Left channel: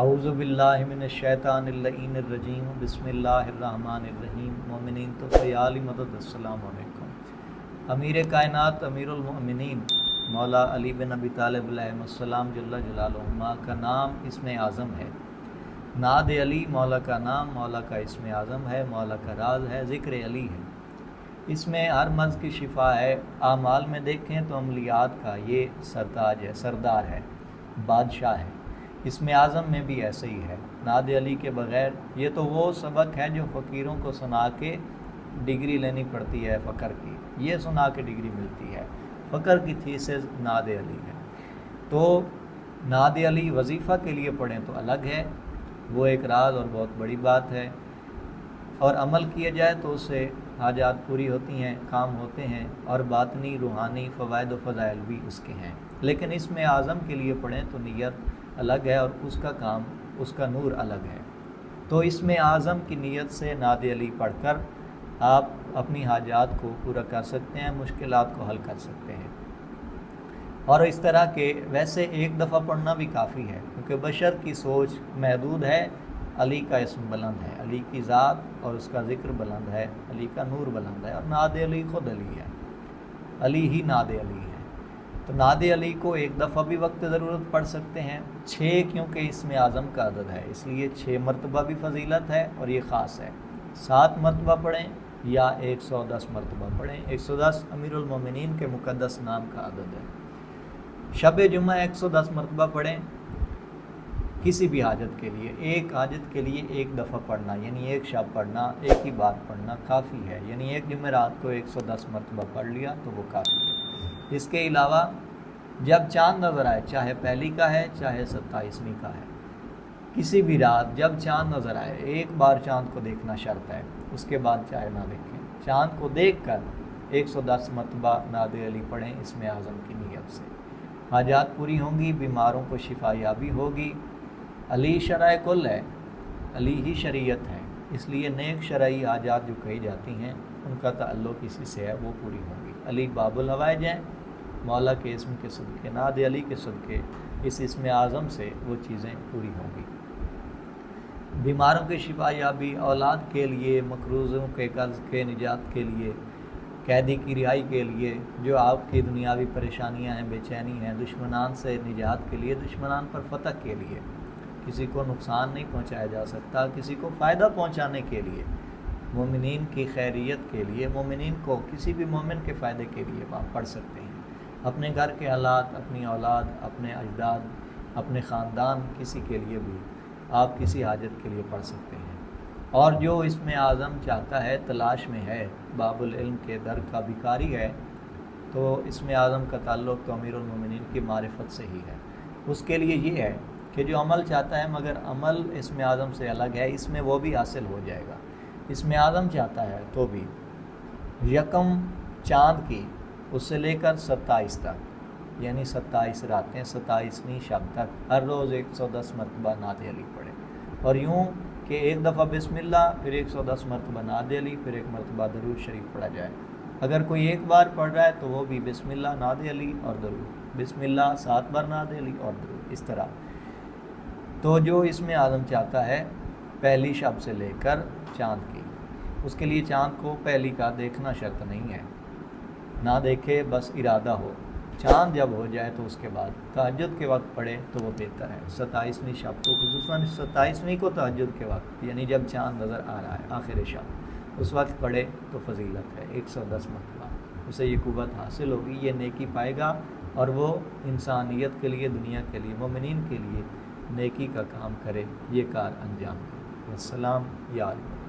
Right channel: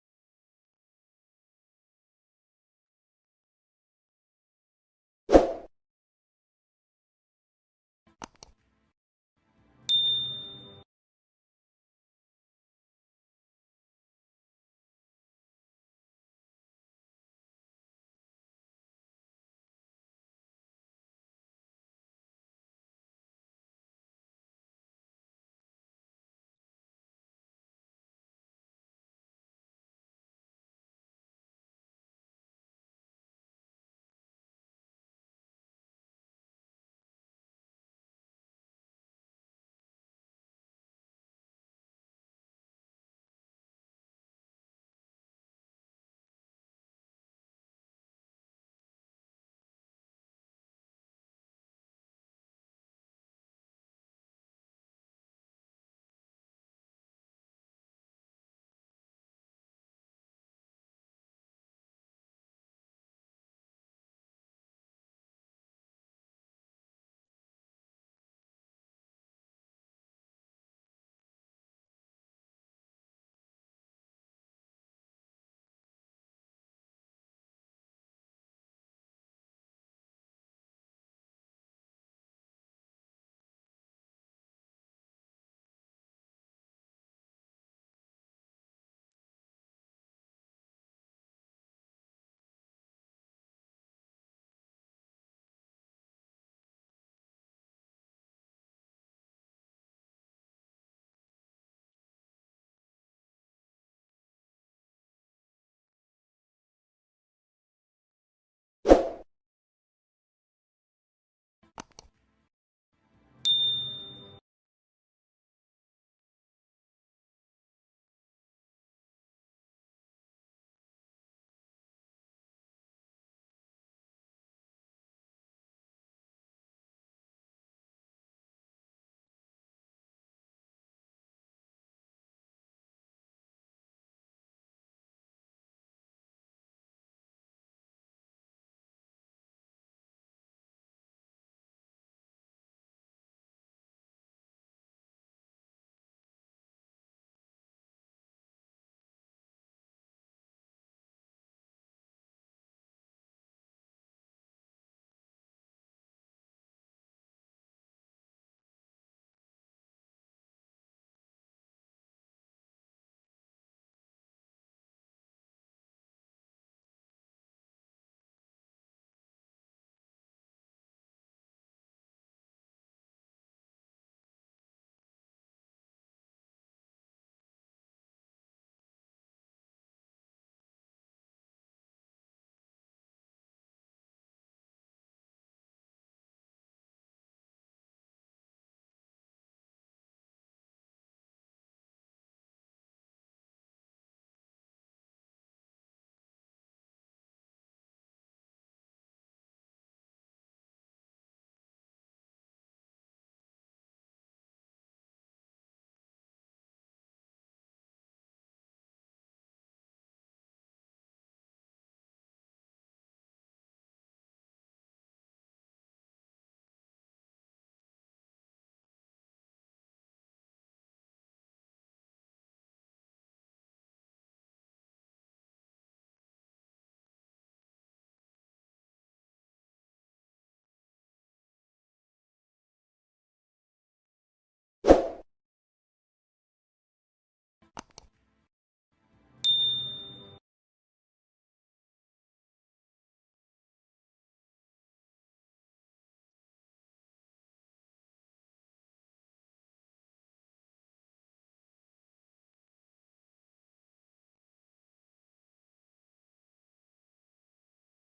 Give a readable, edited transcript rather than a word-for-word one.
اعوذ باللہ من الشیطان اللعین الرجیم بسم اللہ الرحمن الرحیم۔ مومنین تو علی مدد، السلام علیکم۔ امیر کائنات امیر المؤمنین مولا علی بن ابی طالب علیہ السلام جل جلالہما کا نام اسم اعظم ہے۔ ناد علی مولا کا نام، مولا کا اسم اعظم ہے، مولا کا راز ہے، ذکر علی ہے۔ اس میں ہر مرض کی شفا ہے۔ اعمال میں دیکھیں تو عملیات کا یہ سرتاج ہے، سردار ہے، بادشاہ ہے۔ اسم اعظم میں بھی ایسے ہی ہے۔ ناد علی کے بغیر یہ تو وہ سبق ہے جو فقیروں کو سنا کے ڈگری لینی پڑتی ہے فقر کی، یہ سنا کے ڈگری ملتی ہے۔ فقر کی تھیسز ناد علی ہے۔ تو ناد علی وظیفہ کے لیے پڑھیں تو الگ ہے، وہ ایک راز اور بہت بڑی بات ہے، اور عمل کیا جائے تو اس سے حاجات پوری ہوتی ہیں، کام ہوتے ہیں، اور باطنی روحانی فوائد و فضائل بھی اس کے ہیں۔ لیکن اس میں اعظم کے لیے پڑھیں تو نیت الگ ہے اور اس کا کام، اس کا نور الگ ہے۔ تو اس میں اعظم کی نیت سے ناد علی پڑھ کر آپ اپنی حاجات کو پورا کر سکتے ہیں، مشکلات کو حل کر سکتے ہیں۔ اور اس طرح کے ویسے ایک دفعہ پڑھنا بھی کافی ہے، کیونکہ بشر کی سوچ محدود ہے۔ علی کا اسم بلند ہے، علی کی ذات اور اس کا ذکر بلند ہے، علی کا نور بلند ہے، اور ناد علی خود علی ہے، علی ہی ناد علی ہے۔ تو ناد علی کو ایک دفعہ بھی وقت ضرورت پڑھ سکتے ہیں، 6 کیونکہ اسم اعظم کا عدد ہے، اس لیے 6 مرتبہ بھی فضیلت ہے، اور یہ خاص ہے۔ 7 مرتبہ پڑھیں یا 110 مرتبہ پڑھیں۔ 110 امیر المومنین کے مقدس نام کا عدد ہے۔ شب جمعہ 110 مرتبہ پڑھیں کسی بھی حاجت کے لیے، ایک حاجت کے لیے ایک دفعہ پڑھنا، یعنی ایک شب پڑھنا، ایک ہی بار پڑھنا کافی ہے، یعنی ایک جمعرات کو 110 مرتبہ پڑھ لیا تو وہ کافی ہے۔ اس کے علاوہ جب چاند نظر آئے، چاہے پہلی کا ہے چاہے 27ویں کا ہے، کسی بھی رات جب چاند نظر آئے، ایک بار چاند کو دیکھنا شرط ہے، اس کے بعد چاہے نہ دیکھیں، چاند کو دیکھ کر 110 مرتبہ ناد علی پڑھیں اسم اعظم کی نیت سے۔ حاجات پوری ہوں گی، بیماروں کو شفا یابی ہوگی۔ علی شرع کل ہے، علی ہی شریعت ہے، اس لیے نیک شرعی حاجات جو کہی جاتی ہیں ان کا تعلق اسی سے ہے، وہ پوری ہوں گی۔ علی باب الحوائج ہیں، مولا کے اسم کے صدقے، ناد علی کے صدقے، اس اسم اعظم سے وہ چیزیں پوری ہوں گی۔ بیماروں کی شفا یابی، اولاد کے لیے، مقروضوں کے قرض کے نجات کے لیے، قیدی کی رہائی کے لیے، جو آپ کی دنیاوی پریشانیاں ہیں، بے چینی ہیں، دشمنان سے نجات کے لیے، دشمنان پر فتح کے لیے، کسی کو نقصان نہیں پہنچایا جا سکتا، کسی کو فائدہ پہنچانے کے لیے، مومنین کی خیریت کے لیے، مومنین کو کسی بھی مومن کے فائدے کے لیے آپ پڑھ سکتے ہیں۔ اپنے گھر کے حالات، اپنی اولاد، اپنے اجداد، اپنے خاندان، کسی کے لیے بھی آپ کسی حاجت کے لیے پڑھ سکتے ہیں۔ اور جو اس میں اعظم چاہتا ہے، تلاش میں ہے، باب العلم کے در کا بھکاری ہے، تو اس میں اعظم کا تعلق تو امیر المومنین کی معرفت سے ہی ہے۔ اس کے لیے یہ ہے کہ جو عمل چاہتا ہے، مگر عمل اس میں اعظم سے الگ ہے، اس میں وہ بھی حاصل ہو جائے گا۔ اس میں اعظم چاہتا ہے تو بھی یکم چاند کی اس سے لے کر 27 تک، یعنی 27 راتیں، 27ویں شب تک ہر روز 110 مرتبہ ناد علی پڑھے، اور یوں کہ ایک دفعہ بسم اللہ، پھر 110 مرتبہ ناد علی، پھر ایک مرتبہ درود شریف پڑھا جائے۔ اگر کوئی ایک بار پڑھ رہا ہے تو وہ بھی بسم اللہ، ناد علی اور درود، بسم اللہ 7 بار ناد علی اور درود، اس طرح۔ تو جو اس میں اعظم چاہتا ہے پہلی شب سے لے کر چاند کی، اس کے لیے چاند کو پہلی کا دیکھنا شرط نہیں ہے، نہ دیکھے بس ارادہ ہو، چاند جب ہو جائے تو اس کے بعد تہجد کے وقت پڑھے تو وہ بہتر ہے۔ 27ویں شب کو، خصوصاً 27ویں کو تہجد کے وقت، یعنی جب چاند نظر آ رہا ہے آخر شب، اس وقت پڑھے تو فضیلت ہے 110 مرتبہ، اسے یہ قوت حاصل ہوگی، یہ نیکی پائے گا، اور وہ انسانیت کے لیے، دنیا کے لیے، مومنین کے لیے نیکی کا کام کرے، یہ کار انجام دے۔ السلام یا علیکم۔